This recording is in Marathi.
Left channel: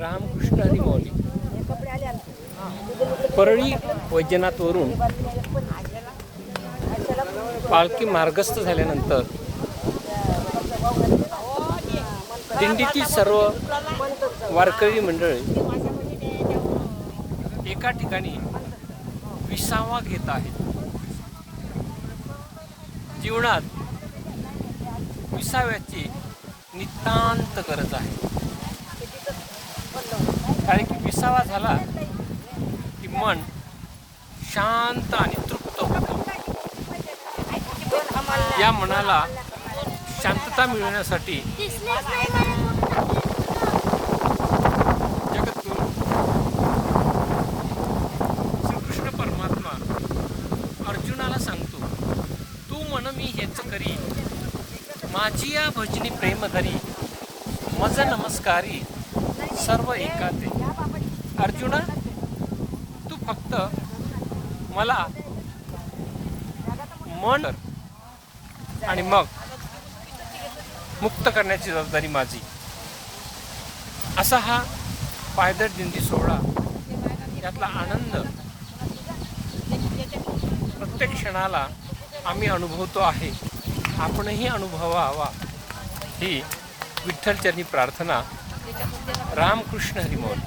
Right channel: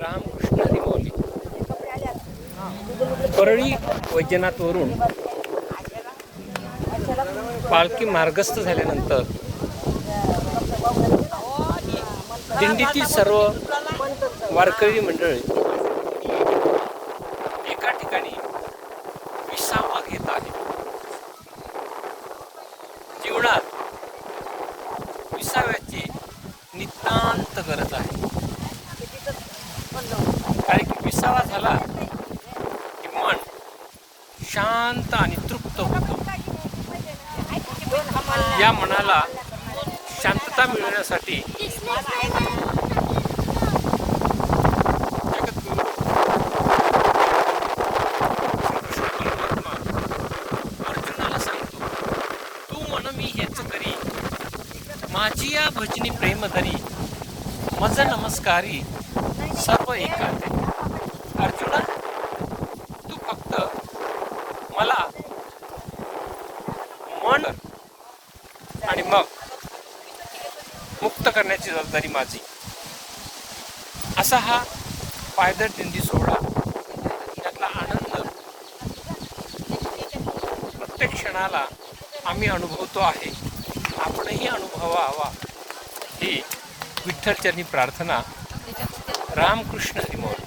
रामकृष्ण हरी माऊली परळी वैजनाथवरून पालखी मार्गस्थ झाल्यानंतर दिंडीतील सर्व वारकरी मंडळी एका ठिकाणी विसावा घेत आहेत. जीवनात विसाव्याची नितांत गरज आहे. कारण की विसावा झाला की मन शांत आणि तृप्त होतं. या मनाला शांतता मिळवण्यासाठी अर्जुनाला सांगतो, तू मन मी हेच करी, माझी या भजनी प्रेम धरी, मज नमस्कारी सर्व एकाचे. अर्जुना, तू फक्त मला मन आणि मग मुक्त करण्याची जबाबदारी माझी. असा हा पायदळ दिंडी सोहळा, यातला आनंद प्रत्येक क्षणाला आम्ही अनुभवतो आहे. आपणही अनुभवावा ही विठ्ठलचरणी प्रार्थना. रामकृष्ण हरी माऊली.